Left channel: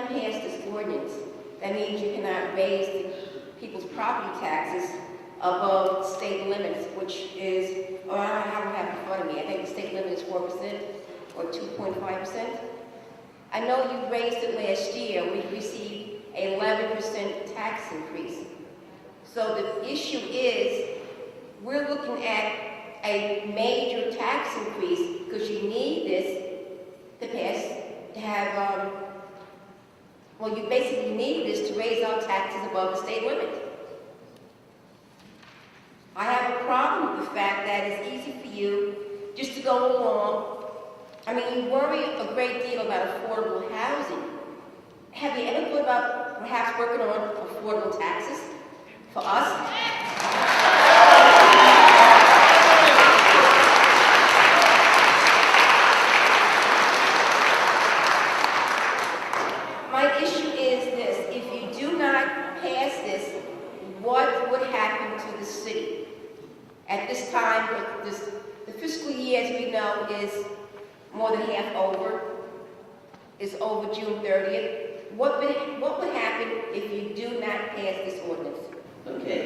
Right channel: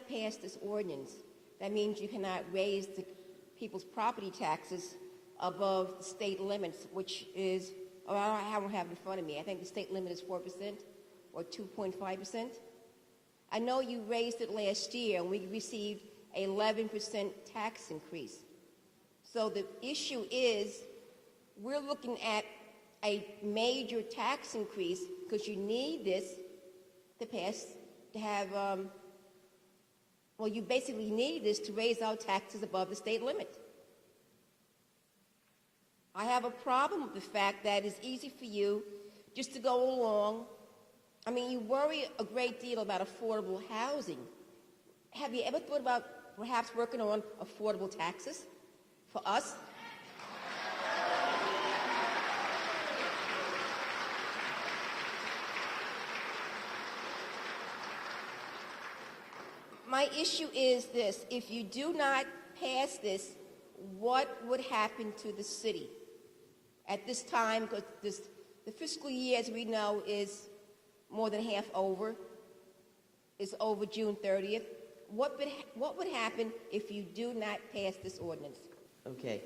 not pass this ordinance, that means you cannot raise the people's property taxes above state limits, which is, or I don't have it in front of me, I think the state limit is 4% or 2.5%. I know you raised it last year, we received an 11% tax increase. So the issue is, we're looking at a major tax increase because you need this to pass, to have, well, you basically need this to raise our taxes above the state limit. I have a problem with the fact that it's easy for you just to go along. I mean, you worry a great deal about affordable housing. Have you ever thought about perhaps working on affordable taxes for us? My issue is this: if you do not pass this, what would happen to the city? At this time, the fiscal year, as we know, is more than half over. It's over June 30th. What would happen if you do not pass this ordinance? Okay.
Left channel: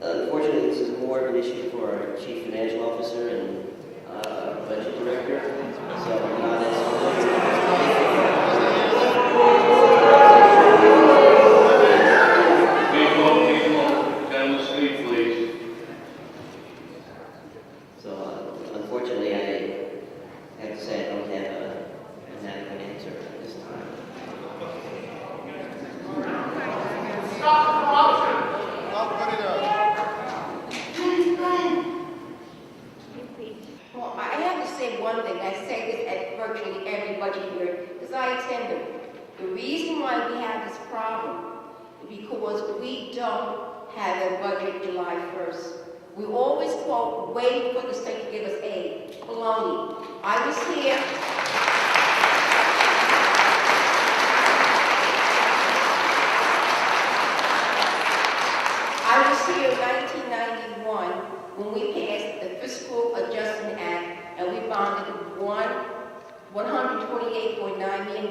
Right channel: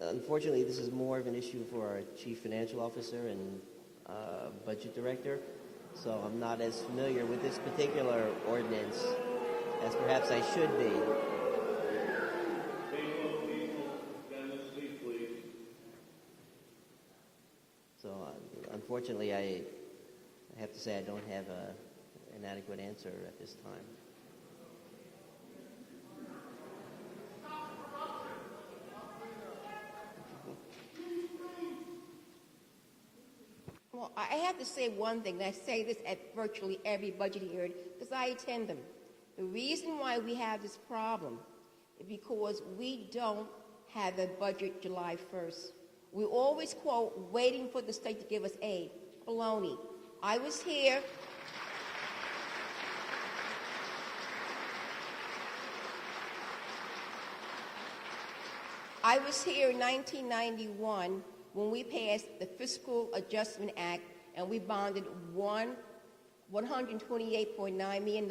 Unfortunately, this is more of an issue for our chief financial officer and budget director. So I'm not as familiar with this. People, down the street, please. So unfortunately, I have to say I don't have an adequate answer at this time. Well, I have to say one thing. I say this at virtually every budget hearing because I attend them. The reason why we have this problem is because we don't have a budget July 1st. We always quote waiting for the state to give us aid. Baloney. I was here. I was here in 1991 when we passed the Fiscal Adjustment Act and we bonded $128.9 million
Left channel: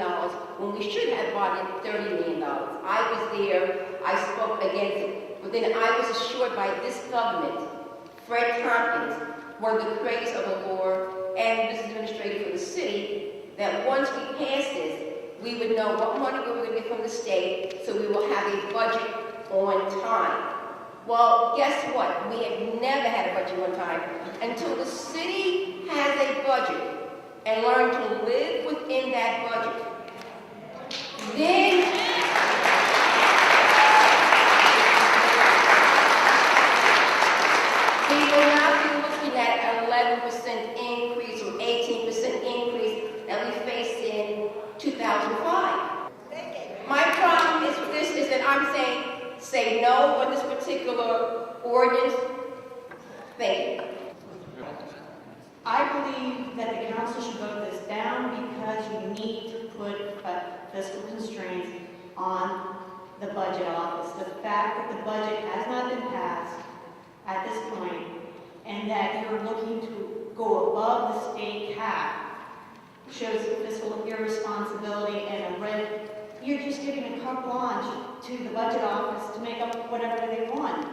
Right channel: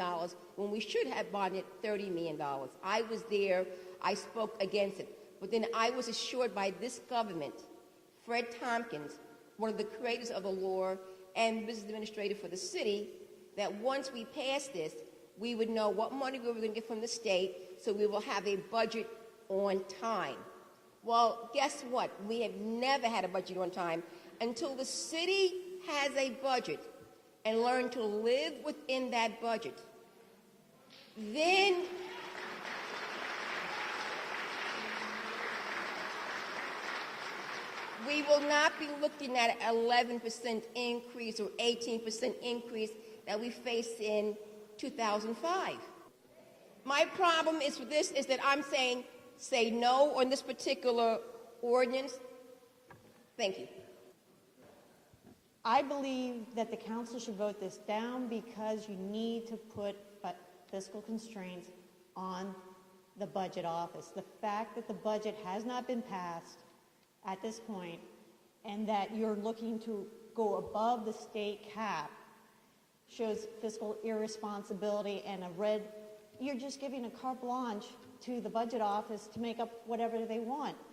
when we should have bonded $30 million. I was there. I spoke against it. But then I was assured by this government, Fred Tompkins, one of the creators of the law and business administrator for the city, that once we passed this, we would know what money we were going to get from the state, so we will have a budget on time. Well, guess what? We have never had a budget on time until the city has a budget and learn to live within that budget. Then we will not be looking at an 11% increase or 18% increase that we faced in 2005. My problem is this, is that I'm saying, say no on this particular ordinance. Thank you. I believe that the council should vote this down because you need to put fiscal constraints on the budget office. The fact that the budget has not been passed at this point and that you're looking to go above the state cap shows fiscal irresponsibility and you're just giving a carte blanche to the budget office to make up whatever they want.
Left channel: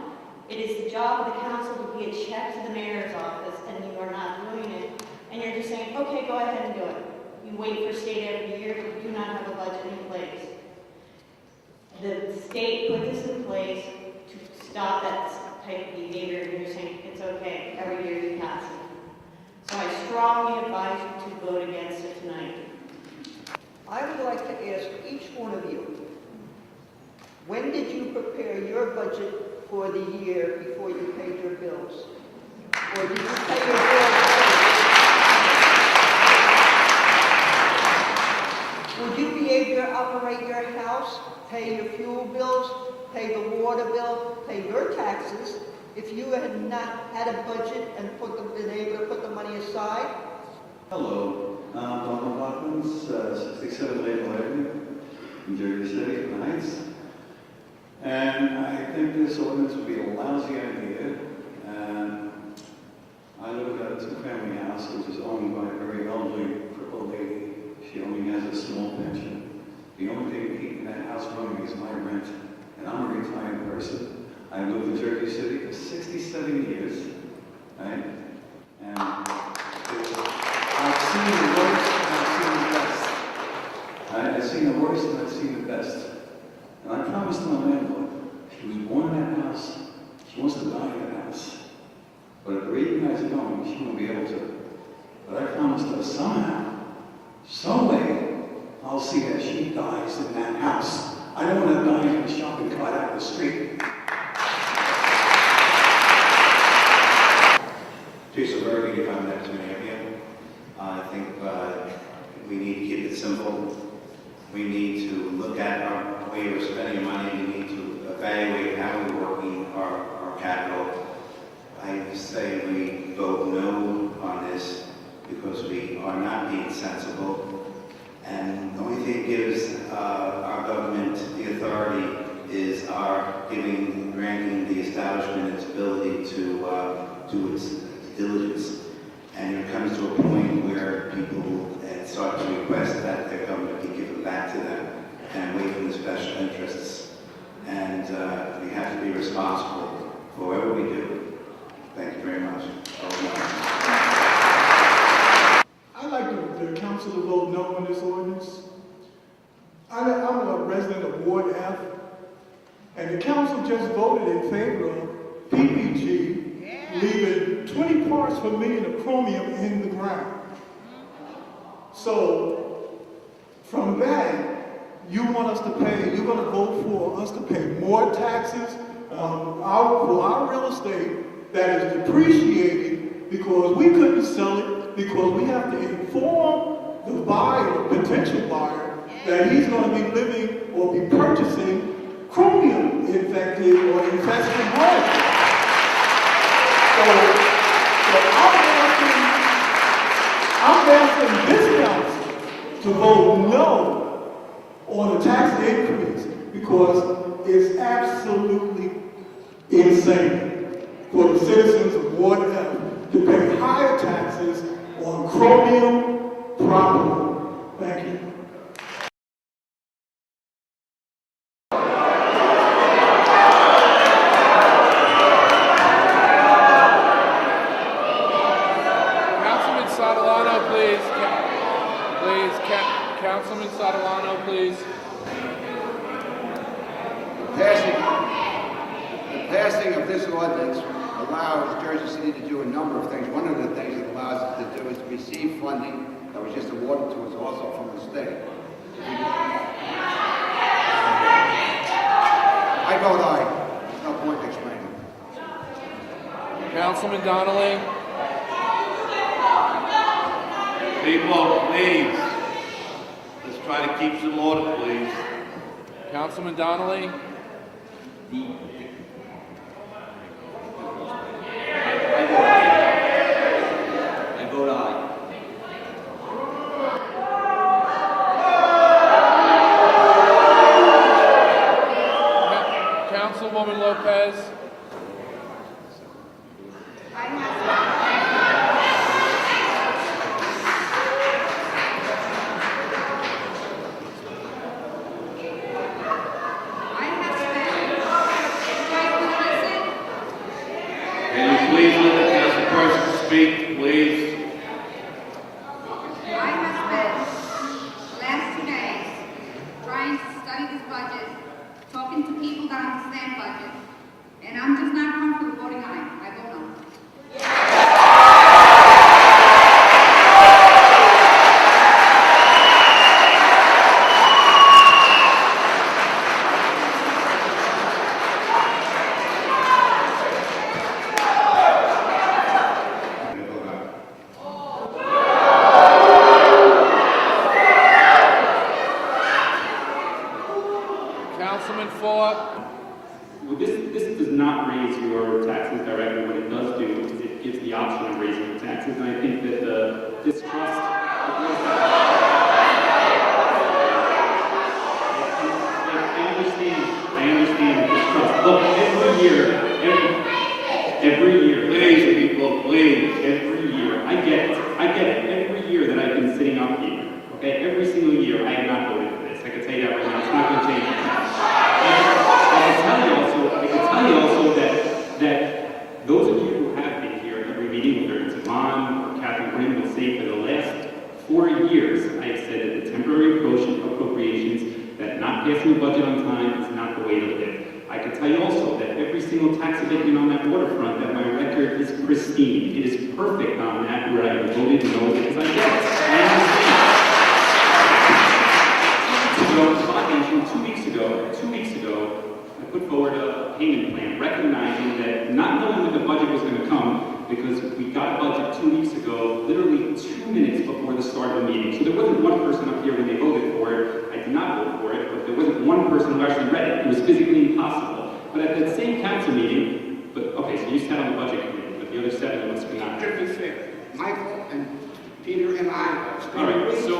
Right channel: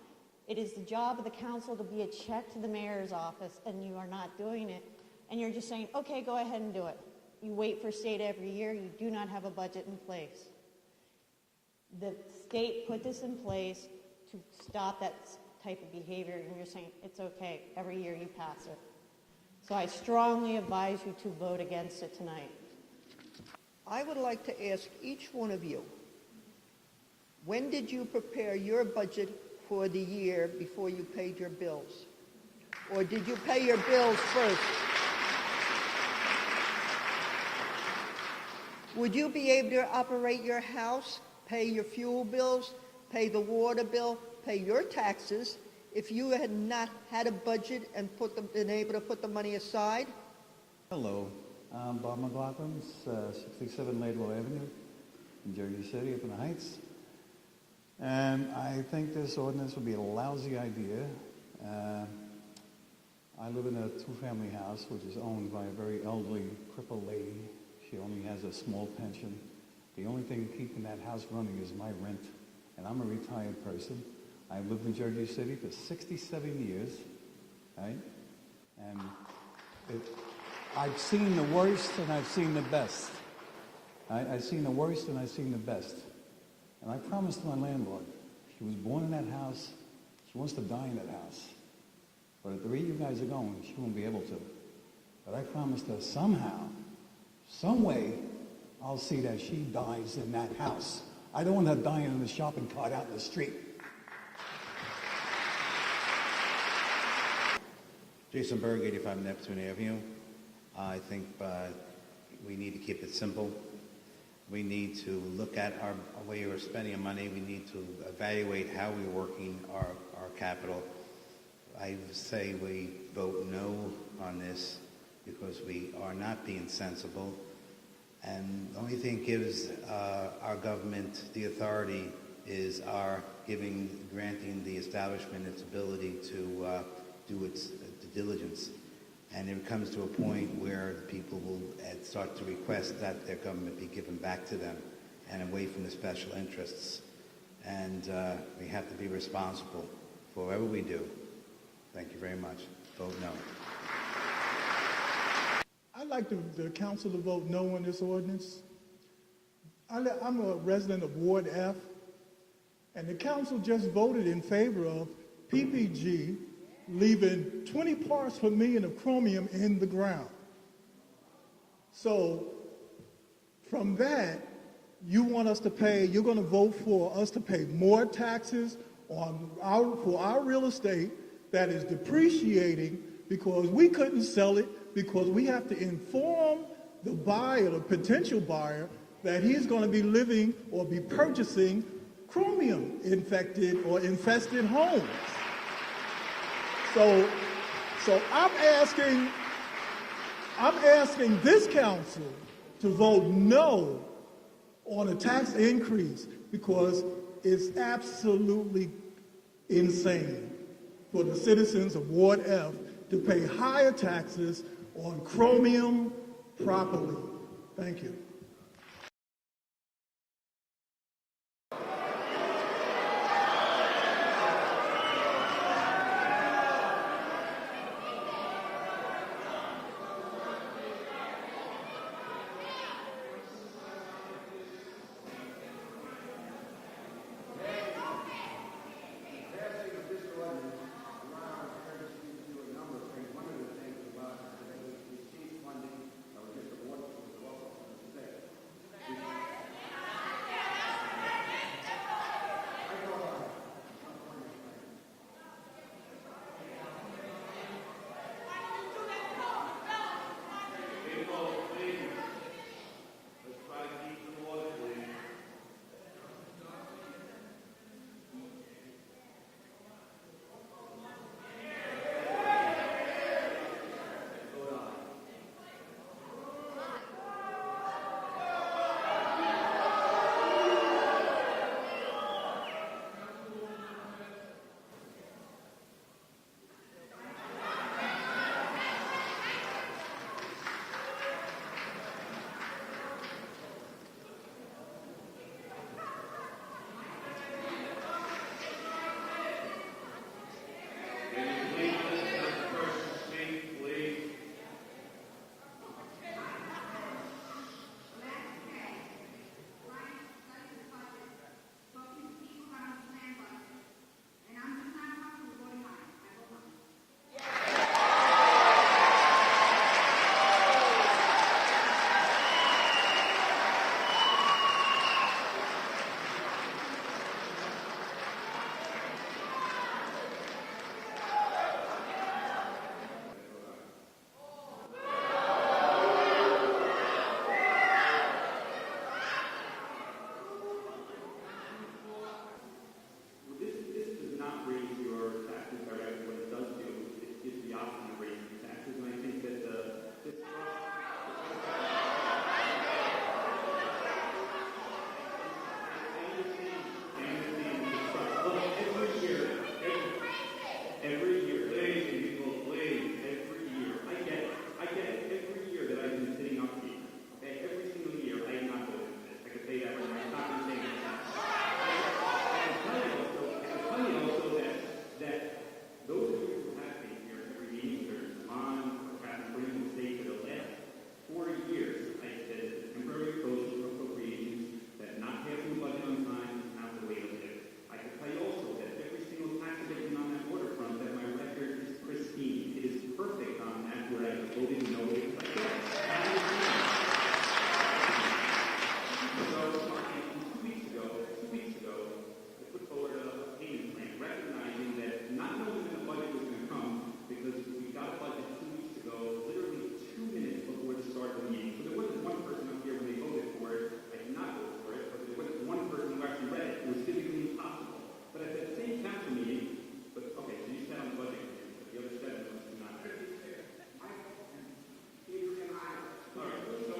It is the job of the council to be a check to the mayor's office, and you are not doing it. And you're just saying, okay, go ahead and do it. You wait for state every year, but do not have a budget in place. The state put this in place to stop that type of behavior, and you're saying, it's okay, every year you pass it. So I strongly advise you to vote against it tonight. I would like to ask each one of you, when did you prepare your budget for the year before you paid your bills? Or did you pay your bills late? Would you be able to operate your house, pay your fuel bills, pay the water bill, pay your taxes, if you had not had a budget and been able to put the money aside? Hello, I'm Don McLaughlin, 67 Maple Avenue, in Jersey City, in the Heights. And I think this ordinance would be a lousy idea. And I live in a two-family house which is owned by a very elderly, crippled lady. She only has a small pension. promised my landlord, she was born in that house, she wants to die in that house. But at the rate you guys are going, she won't be able to. But I promised her somehow, some way, I'll see that she dies in that house. I don't want her dying in a shopping cart out in the street. Jason Bergen, if I'm next to Mayor. I think we need to keep it simple. We need to look at our way we're spending money. We need to evaluate how we're working our capital. I say we vote no on this because we are not being sensible. And the only thing that gives our government the authority is our granting the establishment its ability to do its diligence. And it comes to a point where people start to request that their government be given back to them and away from the special interests. And we have to be responsible for whatever we do. Thank you very much. I'd like the council to vote no on this ordinance. I'm a resident of Ward F, and the council just voted in favor of PPG leaving 20 parts per million of chromium in the ground. So, from that, you want us to pay, you're going to vote for us to pay more taxes for our real estate that is depreciating because we couldn't sell it, because we have to inform the buyer, the potential buyer, that he's going to be living or be purchasing chromium infected or infested homes. So I'm asking this council to vote no on the tax increase because it's absolutely insane for the citizens of Ward F to pay higher taxes on chromium property. Thank you. Councilman Sotolano, please. The passing of this ordinance allows Jersey City to do a number of things. One of the things it allows us to do is to receive funding that was just awarded to us also from the state. I vote aye. There's no point in explaining. Councilman Donnelly. People, please. Let's try to keep some order, please. Councilman Donnelly. I vote aye. Councilwoman Lopez. Speak, please. I have spent the last 2 days trying to study this budget, talking to people that understand budget, and I'm just not comfortable voting aye. I vote no. Councilman Ford. Well, this does not raise your taxes directly. What it does do is it gives the option of raising your taxes, and I think that the distrust. I understand the distrust. Look, every year. Please, people, please. Every year, I get it. Every year that I've been sitting up here, okay, every single year, I have not voted for this. I can tell you that right now. It's not going to change. I can tell you also that those of you who have been here at every meeting, whether it's Yvonne or Catherine Quinn, will say for the last 4 years, I have said that the temporary appropriations, that not passing the budget on time is not the the way to live. I can tell you also that every single tax abatement on that waterfront, that my record is pristine. It is perfect on that, where I voted no because I get it. I understand. 2 weeks ago, I put forward a payment plan, recognizing that, not knowing when the budget was going to come, because we got a budget 2 weeks ago, literally 2 minutes before the start of the meeting. So there wasn't one person up here when they voted for it. I did not vote for it, but there wasn't one person who actually read it. It was physically impossible. But at that same council meeting, okay, so you sat on the budget committee, but the other 7 of us could not. To be fair, Michael and Peter and I. All right, so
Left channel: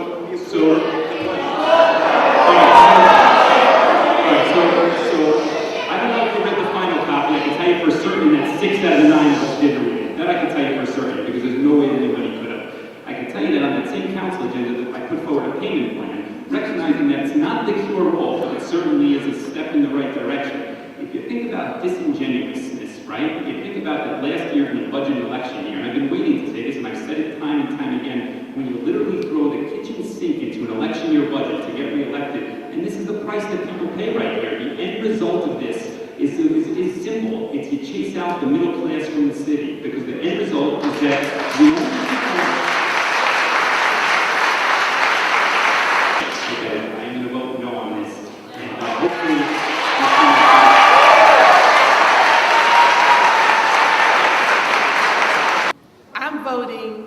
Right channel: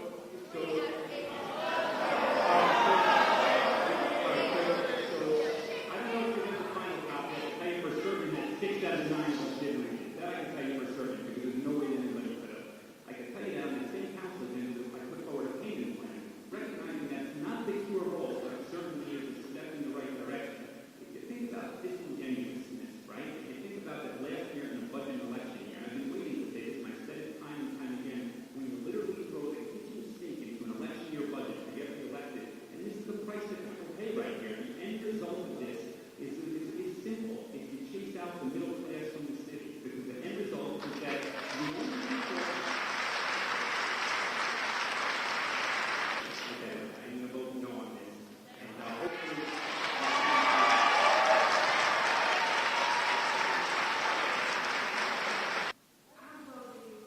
I don't know if you read the final copy. I can tell you for certain that 6 out of the 9 of us didn't read it. That I can tell you for certain, because there's no way that anybody could have. I can tell you that on that same council agenda that I put forward a payment plan, recognizing that it's not the cure-all, but it certainly is a step in the right direction. If you think about disingenuousness, right? If you think about that last year in the budget election year, and I've been waiting to say this, and I've said it time and time again, when you literally throw the kitchen sink into an election year budget to get reelected, and this is the price that people pay right here. The end result of this is simple. It's you chase out the middle class from the city, because the end result is that the only okay, I'm going to vote no on this, and hopefully I'm voting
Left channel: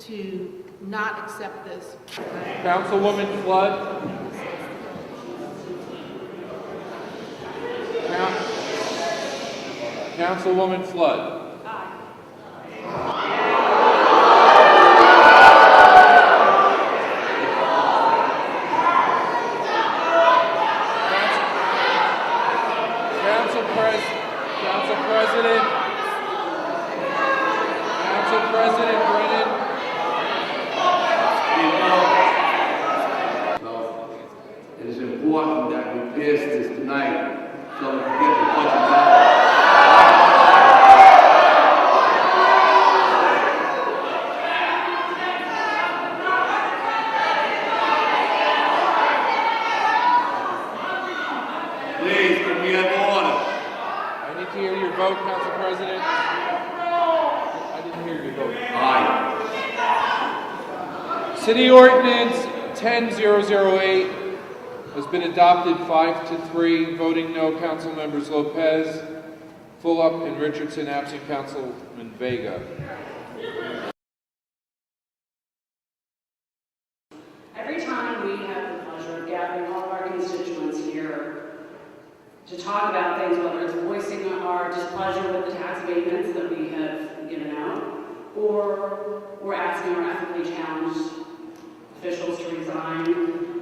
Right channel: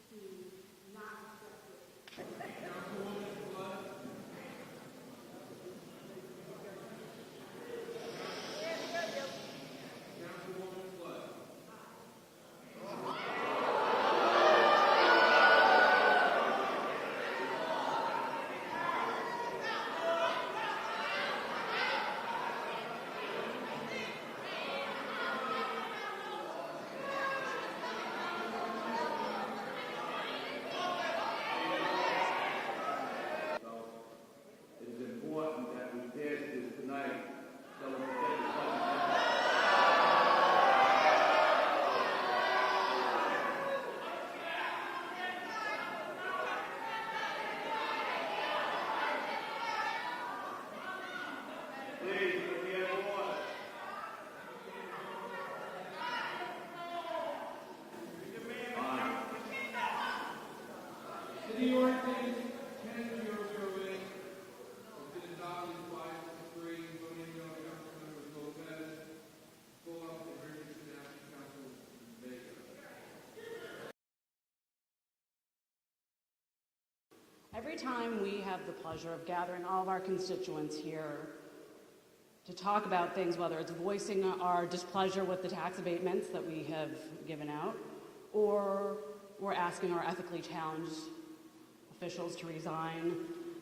to not accept this. Councilwoman Flood. Councilwoman Flood. Council President Brennan. So, it is important that we pass this tonight so we can get the budget back. Please, can we have order? I need to hear your vote, Council President. I didn't hear your vote. Aye. City Ordinance 10008 has been adopted 5-3. Voting no, Council Members Lopez, Fulop, and Richardson. Absent Councilman Vega. Every time we have the pleasure of gathering all of our constituents here to talk about things, whether it's voicing our displeasure with the tax abatements that we have given out, or we're asking our ethically challenged officials to resign,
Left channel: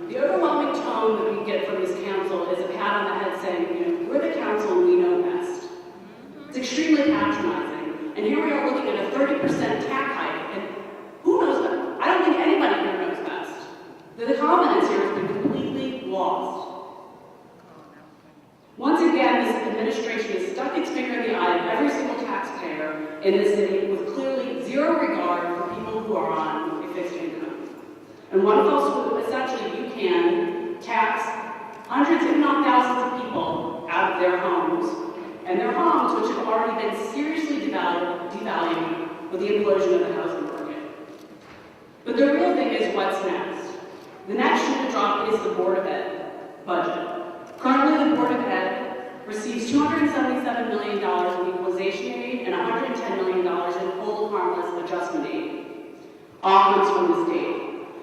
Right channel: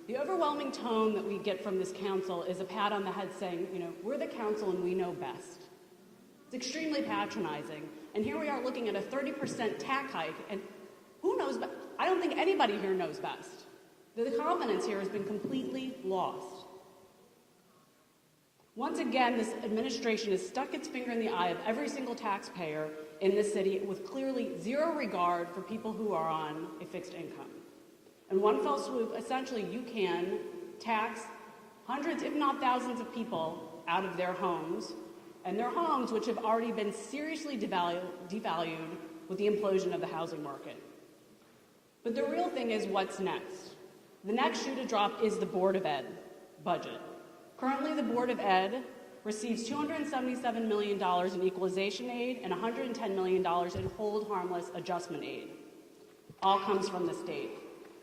the overwhelming tone that we get from this council is a pat on the head saying, you know, we're the council and we know best. It's extremely patronizing. And here we are looking at a 30% tax hike, and who knows that? I don't think anybody here knows best. The confidence here has been completely lost. Once again, this administration has stuck its finger in the eye of every single taxpayer in this city with clearly zero regard for people who are on a fixed income. And one fell swoop, essentially, you can tax hundreds, if not thousands, of people out of their homes, and their homes, which have already been seriously devalued with the implosion of the housing market. But the real thing is, what's next? The next shoe to drop is the Board of Ed budget. Currently, the Board of Ed receives $277 million in equalization aid and $110 million in full harmless adjustment aid. All comes from the state.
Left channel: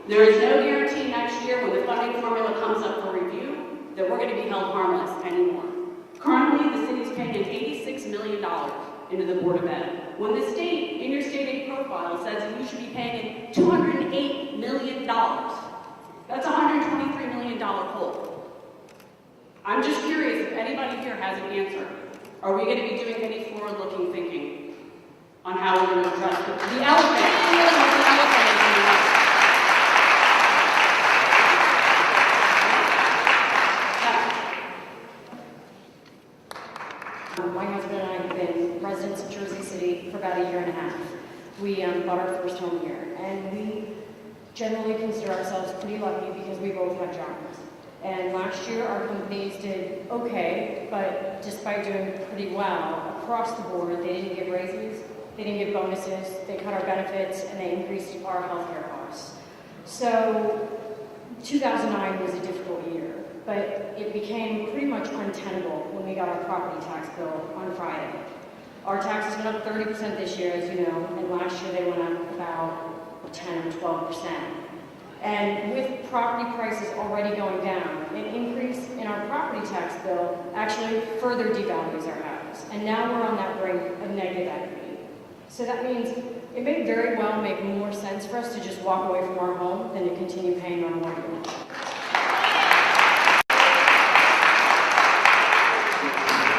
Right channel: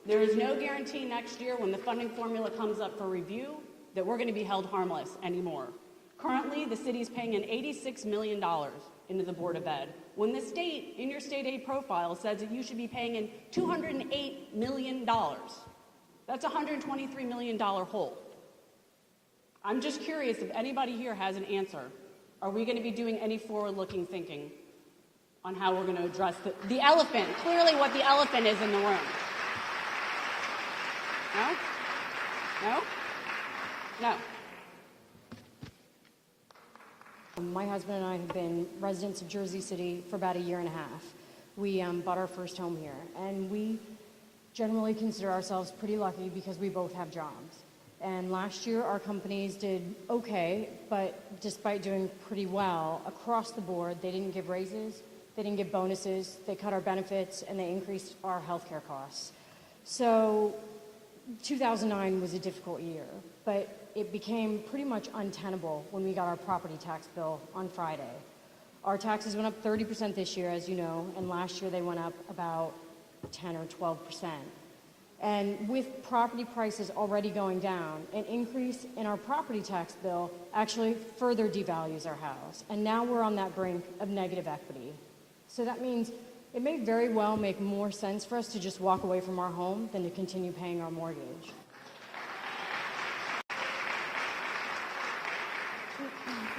There is no guarantee next year when the funding formula comes up for review that we're going to be held harmless anymore. Currently, the city's paying $86 million into the Board of Ed, when the state, in your state aid profile, says that you should be paying $208 million. That's a $123 million hole. I'm just curious if anybody here has an answer. Are we going to be doing any forward-looking thinking on how we're going to address the elephant? The elephant is in the room. My husband and I have been residents of Jersey City for about a year and a half. We bought our first home here, and we generally consider ourselves pretty lucky because we both have jobs. And last year, our companies did okay, but despite doing pretty well, across the board, they didn't give raises, they didn't give bonuses, they cut our benefits, and they increased our healthcare costs. So 2009 was a difficult year, but it became pretty much untenable when we got our property tax bill on Friday. Our taxes went up 30% this year, as you know, and last year they went up about 10 or 12%. And with property prices already going down, an increase in our property tax bill actually further devalues our house. And now we're on that brink of negative equity. So that means it may very well make more sense for us to just walk away from our home than to continue paying our mortgage.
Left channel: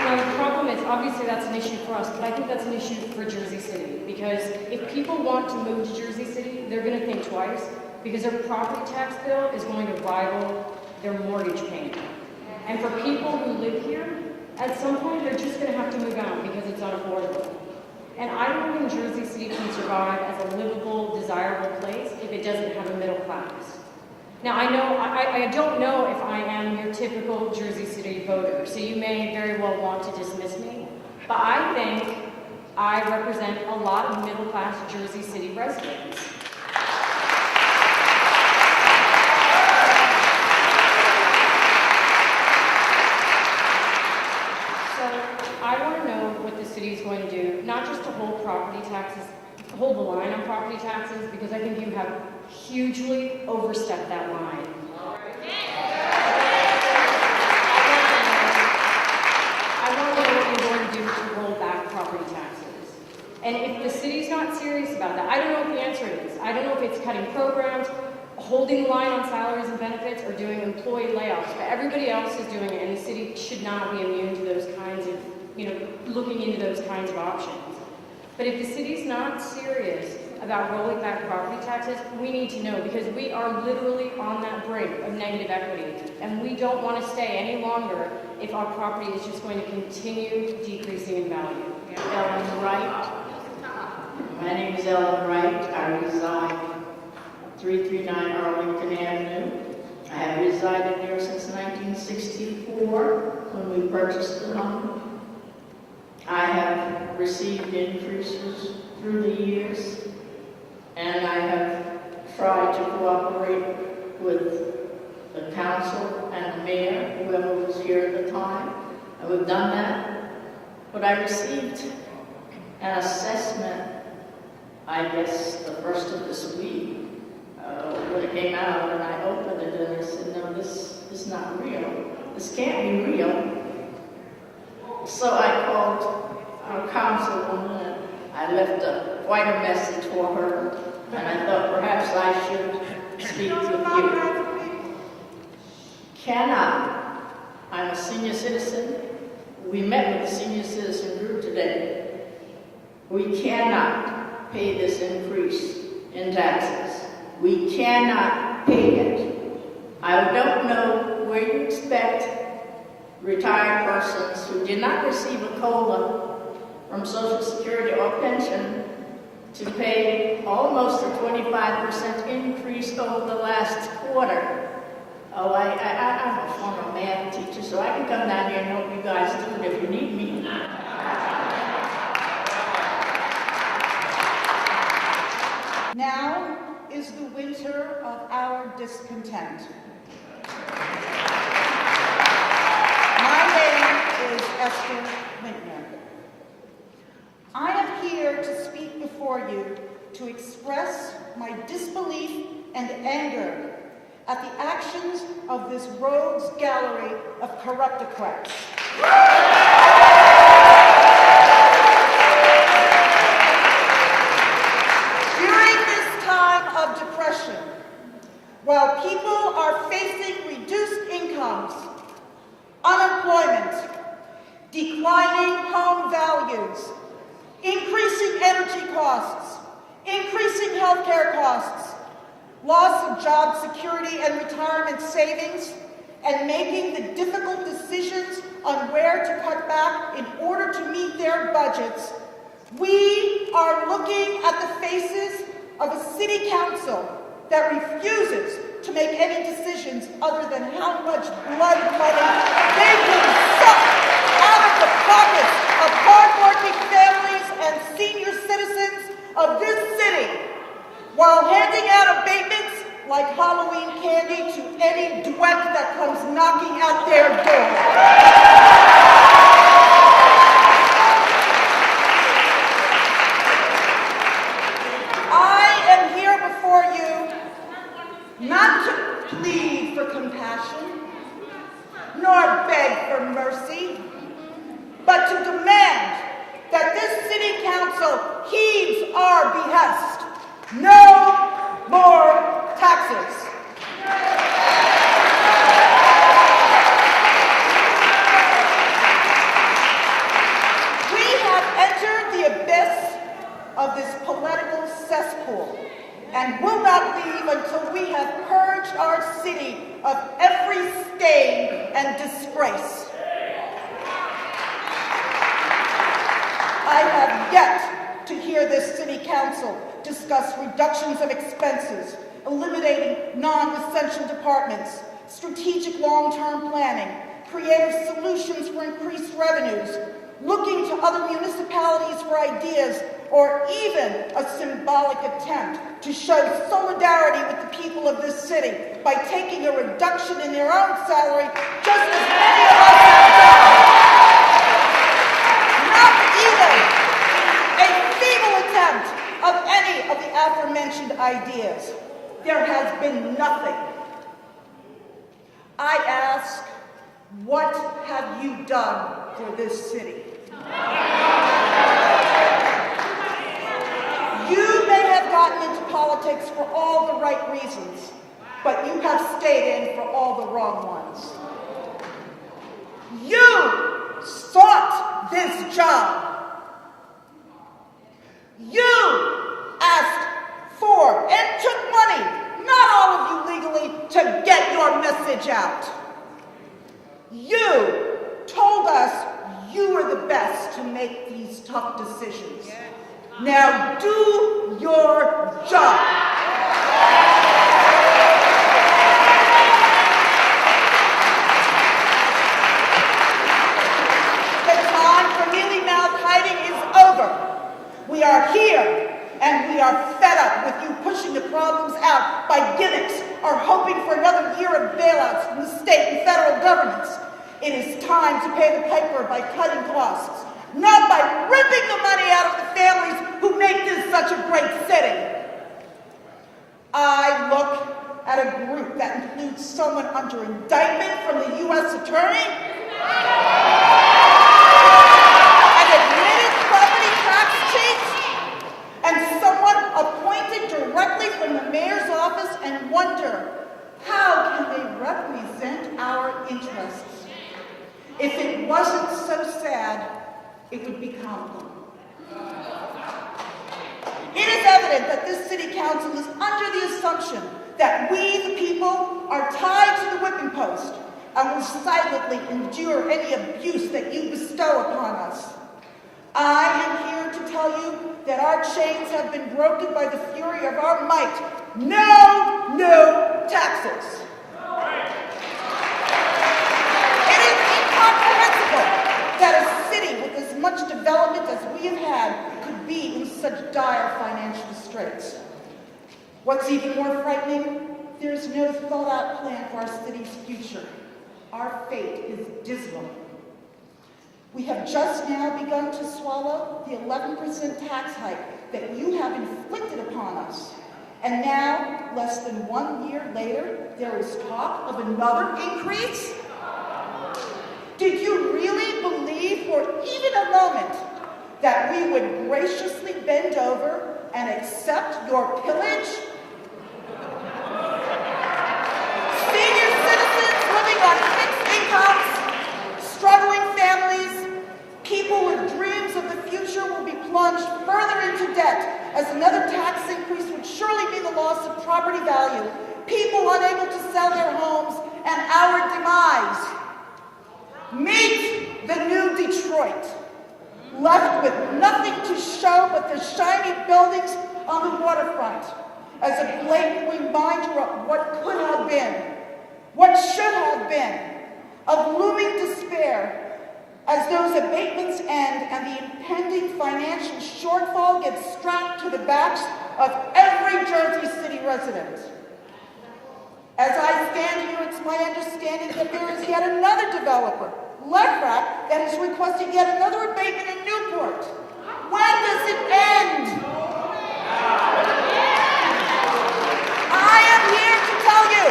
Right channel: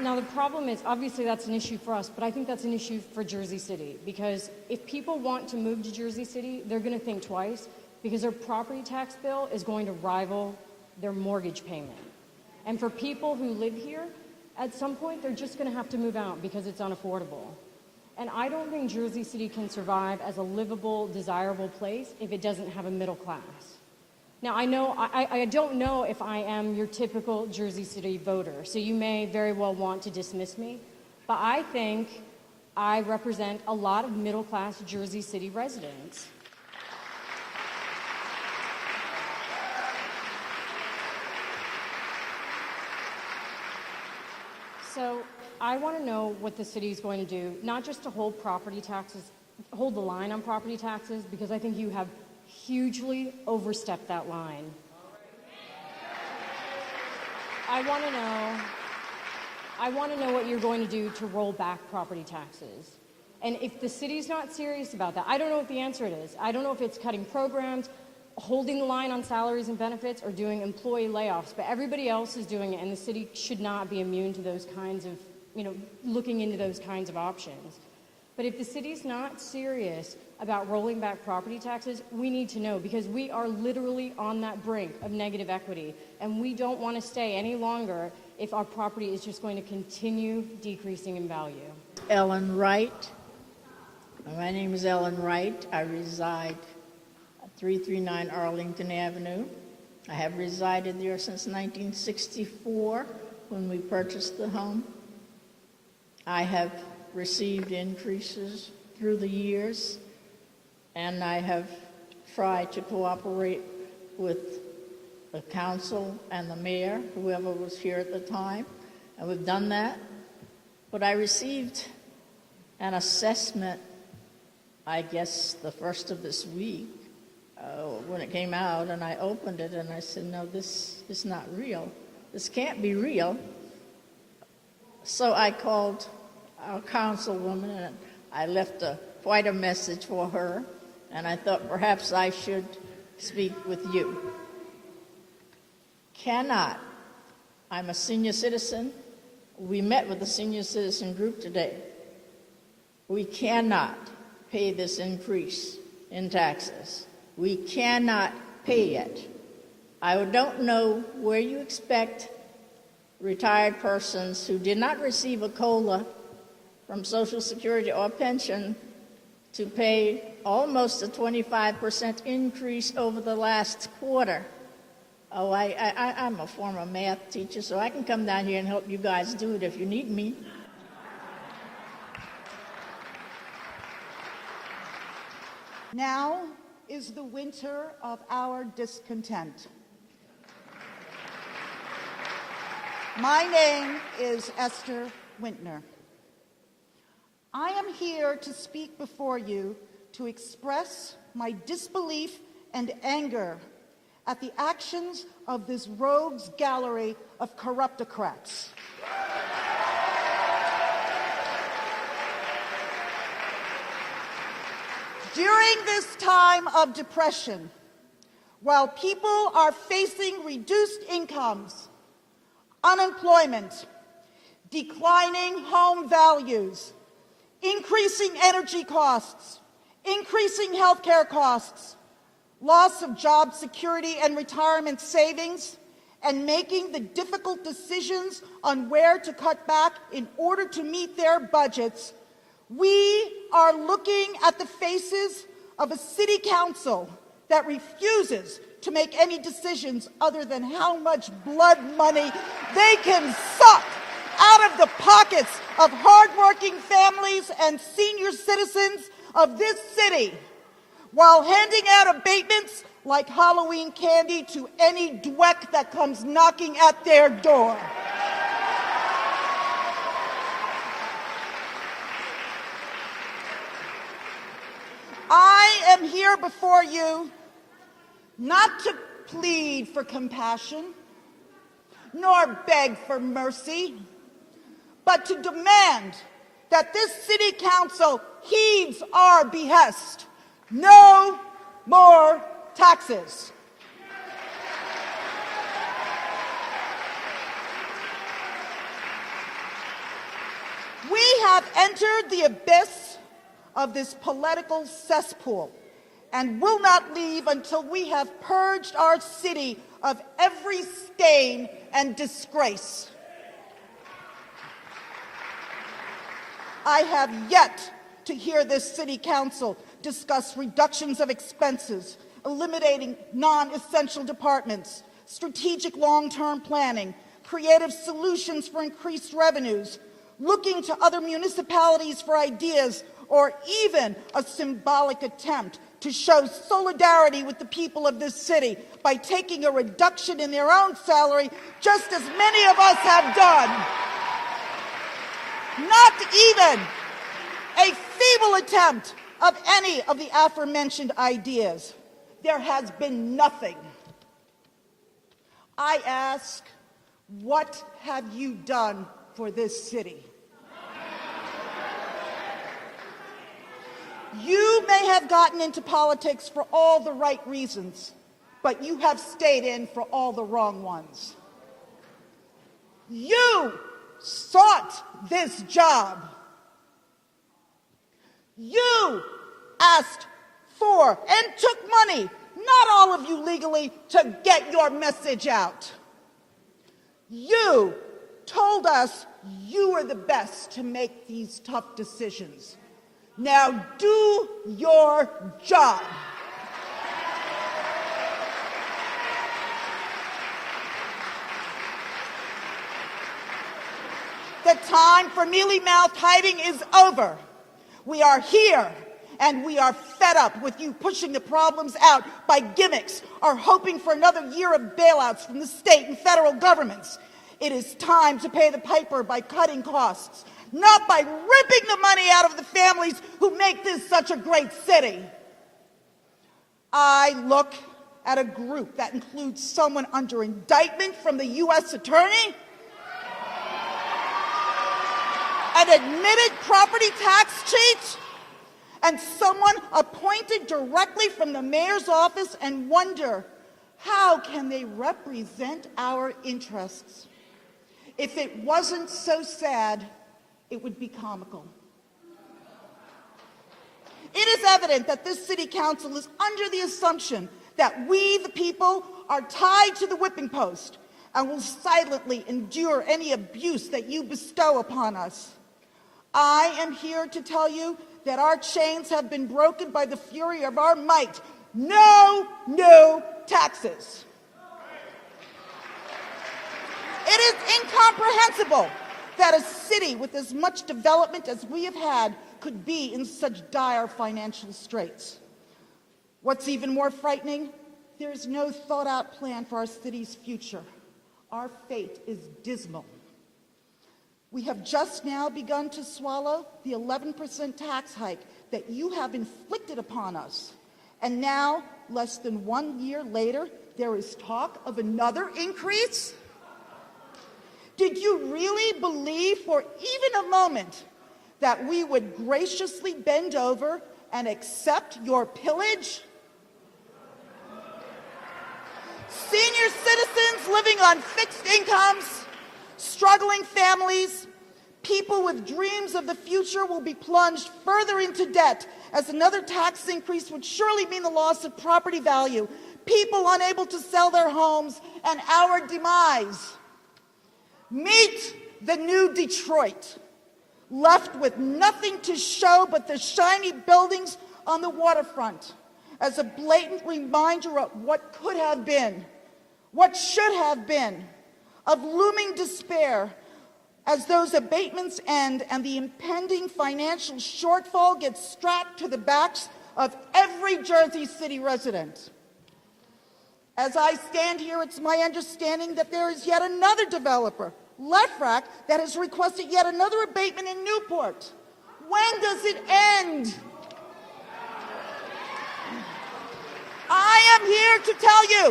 Now the problem is, obviously that's an issue for us, but I think that's an issue for Jersey City, because if people want to move to Jersey City, they're going to think twice, because their property tax bill is going to rival their mortgage payment. And for people who live here, at some point they're just going to have to move out because it's unaffordable. And I don't think Jersey City can survive as a livable, desirable place if it doesn't have a middle class. Now I don't know if I am your typical Jersey City voter, so you may very well want to dismiss me, but I think I represent a lot of middle class Jersey City residents. I want to know what the city is going to do, not just to hold property taxes, hold the line on property taxes, because I think you have hugely overstepped that line. I want to know what you're going to do to roll back property taxes. And if the city's not serious about that, I don't know what the answer is. I don't know if it's cutting programs, holding the line on salaries and benefits, or doing employee layoffs, but everybody else is doing it, and the city should not be immune to those kinds of, looking into those kinds of options. But if the city's not serious about rolling back property taxes, we need to know, because we are literally on that brink of negative equity, and we don't want to stay any longer if our property is just going to continue decreasing in value. Ellen Wright. My name is Ellen Wright. I reside 339 Arlington Avenue. I have resided there since 1964 when we purchased the home. I have received increases through the years, and I have tried to cooperate with the council and the mayor, whoever was here at the time. I have done that, but I received an assessment, I guess, the first of this week, when it came out, and I opened it and I said, no, this is not real. This can't be real. So I called our councilwoman and I left quite a message for her, and I thought perhaps I should speak with you. I'm a senior citizen. We met with the senior citizen group today. We cannot pay this increase in taxes. We cannot pay it. I don't know where you expect retired persons who did not receive a COLA from Social Security or pension to pay almost a 25% increase over the last quarter. Oh, I'm a former math teacher, so I can come down here and help you guys do it if you need me. Now is the winter of our discontent. My name is Esther Wintner. I am here to speak before you to express my disbelief and anger at the actions of this rogues gallery of corruptocrats. During this time of depression, while people are facing reduced incomes, unemployment, declining home values, increasing energy costs, increasing healthcare costs, loss of job security and retirement savings, and making the difficult decisions on where to cut back in order to meet their budgets, we are looking at the faces of a city council that refuses to make any decisions other than how much blood money they can suck out of the pockets of hardworking families and senior citizens of this city, while handing out abatements like Halloween candy to any dweck that comes knocking at their door. I am here before you not to plead for compassion, nor beg for mercy, but to demand that this city council heeds our behest. No more taxes. We have entered the abyss of this political cesspool and will not leave until we have purged our city of every stain and disgrace. I have yet to hear this city council discuss reductions of expenses, eliminating non-essential departments, strategic long-term planning, creative solutions for increased revenues, looking to other municipalities for ideas, or even a symbolic attempt to show solidarity with the people of this city by taking a reduction in their own salary, just as many of us have done. Not even a feeble attempt of any of the aforementioned ideas. There has been nothing. I ask, what have you done for this city? You may have gotten into politics for all the right reasons, but you have stayed in for all the wrong ones. You sought this job. You asked for and took money, not all of you legally, to get your message out. You told us you were the best to make these tough decisions. Now do your job. The time for mealy-mouthed hiding is over. We are here, and we are fed up with you pushing the problems out by gimmicks or hoping for another year of bailouts from the state and federal governments. It is time to pay the piper by cutting costs, not by ripping the money out of the families who make this such a great city. I look at a group that includes someone under indictment from the U.S. Attorney, an admitted property tax cheat, and someone appointed directly from the mayor's office, and wonder, how can they represent our interests? If it wasn't so sad, it would be comical. It is evident that this city council is under the assumption that we, the people, are tied to the whipping post and will silently endure any abuse that you bestow upon us. I am here to tell you that our chains have been broken by the fury of our might. No new taxes. It is incomprehensible that a city with as much development as we have had could be in such dire financial straits. What's even more frightening, there is no thought-out plan for our city's future. Our fate is dismal. We have just now begun to swallow the 11% tax hike that you have inflicted upon us. And now, less than 1 year later, there is talk of another increase? Did you really believe for even a moment that we would graciously bend over and accept your pillage? Senior citizens living on fixed incomes, struggling families, people with dreams of the future will be plunged further into debt, as another tax increase would surely mean the loss of property value, people unable to sell their homes, and our demise. Meet the new Detroit, left with nothing to show but the shiny buildings on the waterfront. as a blatant reminder of what could have been, what should have been, of looming despair as those abatements end and the impending financial shortfall gets strapped to the backs of every Jersey City resident. As I stand here, it's my understanding that there is yet another developer, Levrack, that has requested yet another abatement in Newport. When does it end? I am here to tell you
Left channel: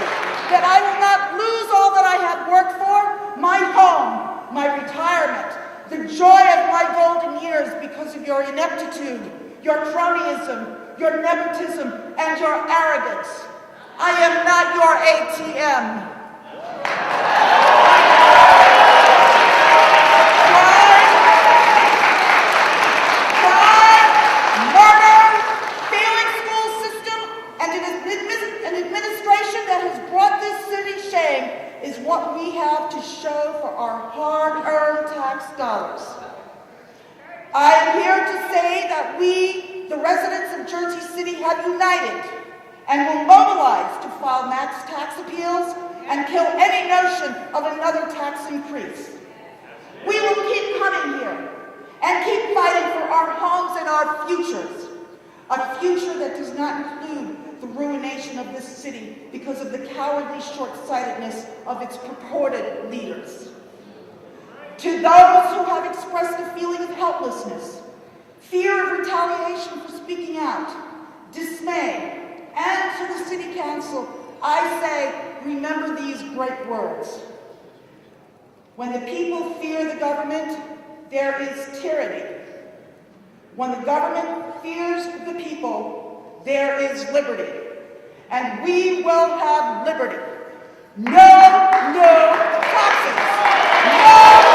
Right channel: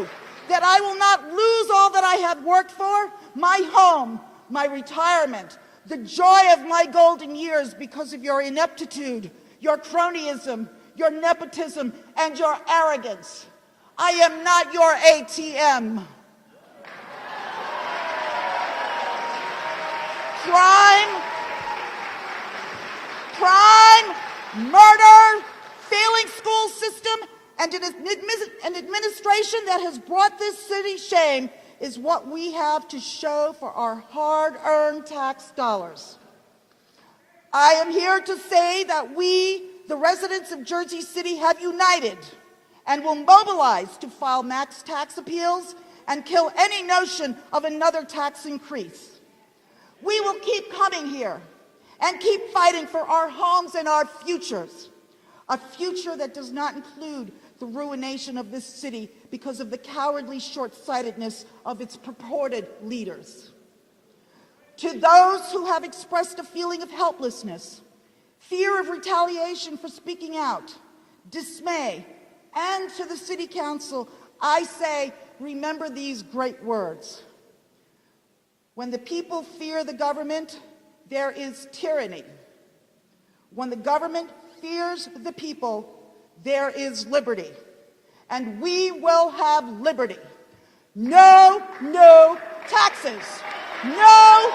that I will not lose all that I have worked for, my home, my retirement, the joy of my golden years because of your ineptitude, your cronyism, your nepotism, and your arrogance. I am not your ATM. Crime, murder, failing school system, and an administration that has brought this city shame is what we have to show for our hard-earned tax dollars. I am here to say that we, the residents of Jersey City, have united and will mobilize to file max tax appeals and kill any notion of another tax increase. We will keep coming here and keep fighting for our homes and our futures, a future that does not include the ruination of this city because of the cowardly short-sightedness of its purported leaders. To those who have expressed a feeling of helplessness, fear of retaliation for speaking out, dismay, and to the City Council, I say, remember these great words. When the people fear the government, there is tyranny. When the government fears the people, there is liberty. And we will have liberty. No taxes. No